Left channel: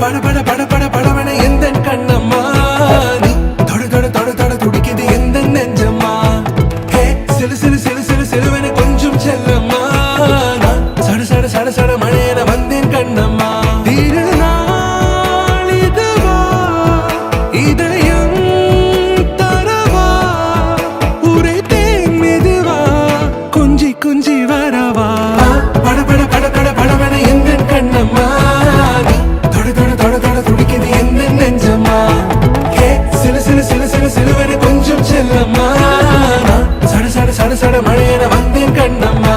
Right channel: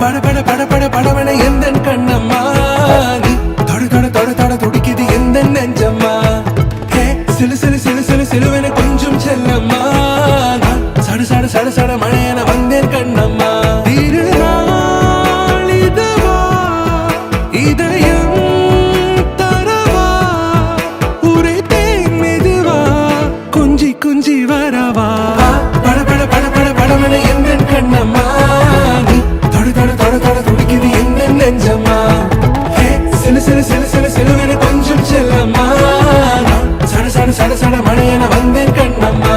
பட பட பட பட படவன எந்தன் கண்ணம்மா நீ தொட தொட தொட தொட துடிக்குது எந்த நெஞ்சம்மா ஹே சிலு சிலு சிலு சிலு சிலுவன கொஞ்சம் செல்லம்மா நான் சட சட சட சட மழையன வந்தேன் கண்ணம்மா திருநாள் இதுவா இதயம் தரவா உரைத்தேன் மெதுவா குஞ்சி குஞ்சி வரவா பட பட பட பட படவன எந்தன் கண்ணம்மா சட சட மழையன வந்தேன் கண்ணம்மா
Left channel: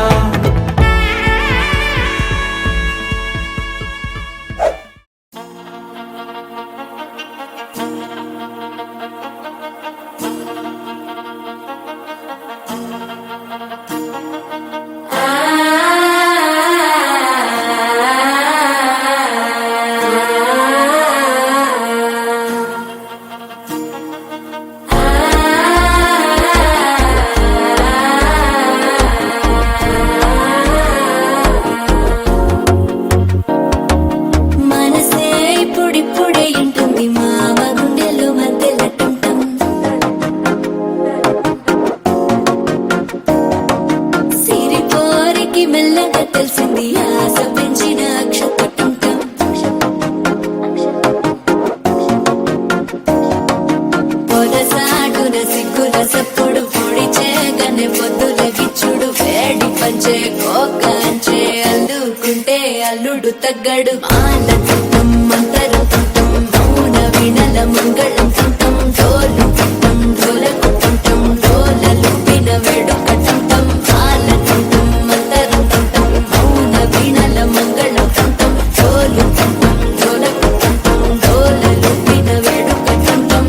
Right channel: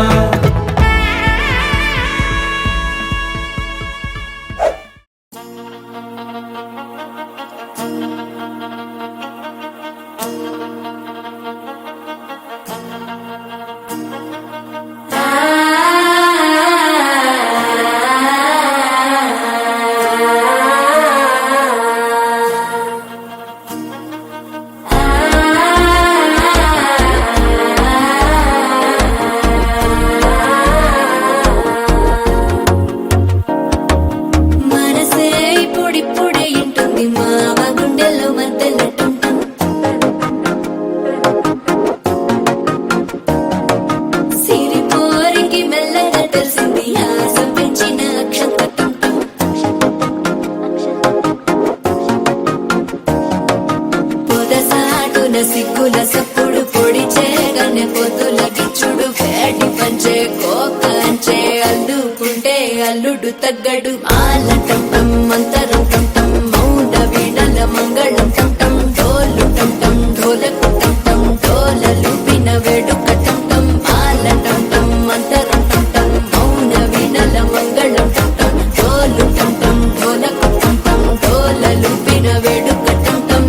అల్లుడు తగ్గడు మాలకంఠం మంతరం కంఠం మౌన వినల మంగళం కంఠం డోలు కంఠం ఢోలకు కంఠం డోలలు విన వేడుక కంఠం మాలకంఠం మంతరం కంఠం మౌన వినల మంగళం కంఠం డోలు కంఠం ఢోలకు కంఠం డోలలు విన వేడుక కంఠం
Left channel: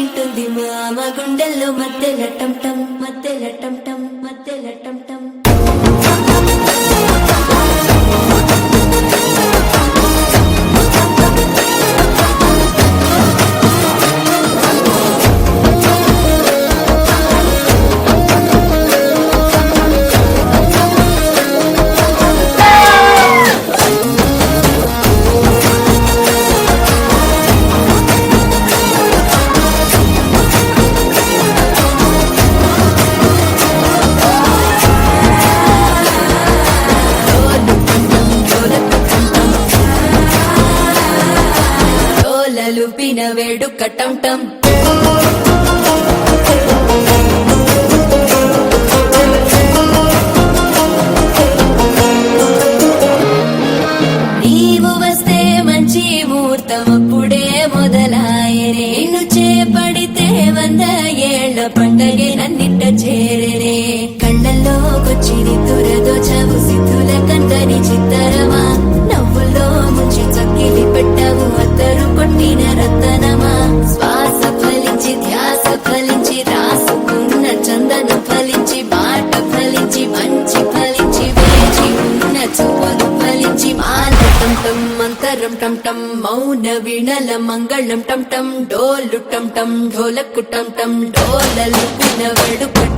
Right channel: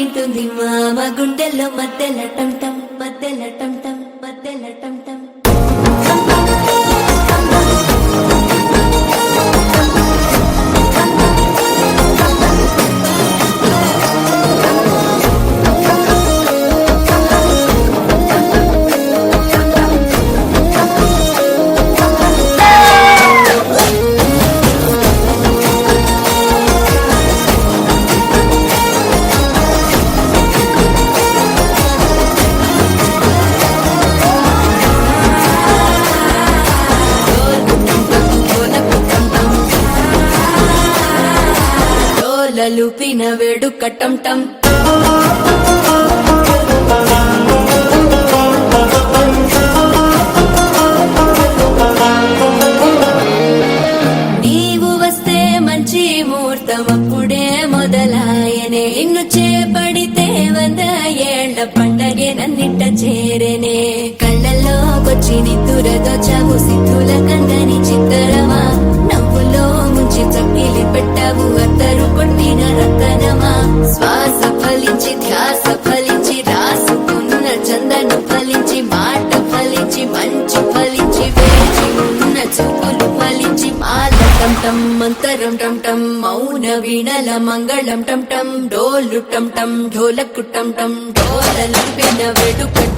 ఇంటుంది మామ గుండెల్లో మధ్యల టంటం మధ్యల టంటం మధ్యల టంటం లుపిన వేడుక టంటం నీవు వస్తే మంచి ముహూర్తం అప్పుడే మొదలాయనే నిన్ను చేపడితే 100 ఏళ్ల పండగే నన్నిట్ట చేరేనే కళ్ళల్లోకొచ్చి నిద్దురదోచావు సిద్ధుల కందని చిత్తరమా నవ్వులో ముంచి చక్కిలి పెట్టావు అద్దరు కొట్టిన రతనమా శ్వాస ఫలించి ధ్యాస ఫలించి రాసుకున్న చందన ఫలించి మాట ఫలించి మంచి ఫలించి వేచి ఉన్న చూపులు ఫలించి మాల టంటం మంతరం టంటం మౌన వీణల మంగళం టంటం డోలు టంటం ఢోలకు టంటం డోలలు విన వేడుక